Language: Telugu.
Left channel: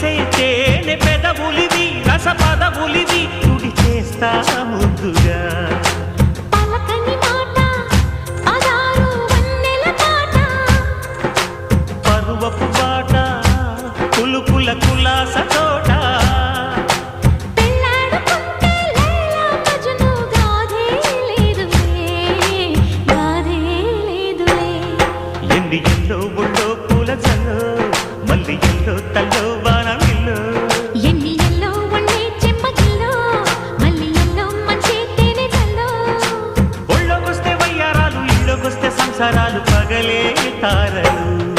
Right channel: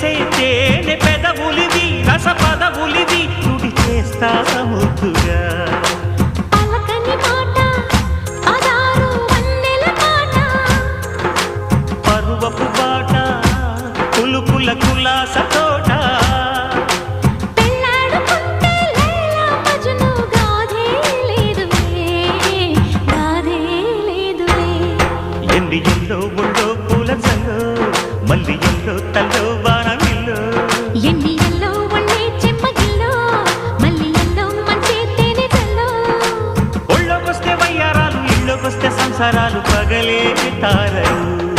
మెరిసే తేనె పెదవులివి రస పదవులివి తుడి చేస్తా ముద్దుగా పలకని మాట పదారు వన్నెల పాట పరువపు బాట కులుకుల కులాస తోట పెళ్ళాడుకుంటే లైలా మజ్ను గాథే లేదులే ఎన్ని ఎల్లో ఒళ్ళో పూల జల్లో మల్లి ఎల్లో తల్లో వానవిల్లో ఎన్ని ఎల్లో ఒళ్ళే చెమ్మగిల్లో మల్లి ఎల్లో మంచి తేనె జల్లో ఒళ్ళోకొస్తే వయ్యారాలు ఇళ్ళోకొస్తే సంసారాలు పగలే తారలు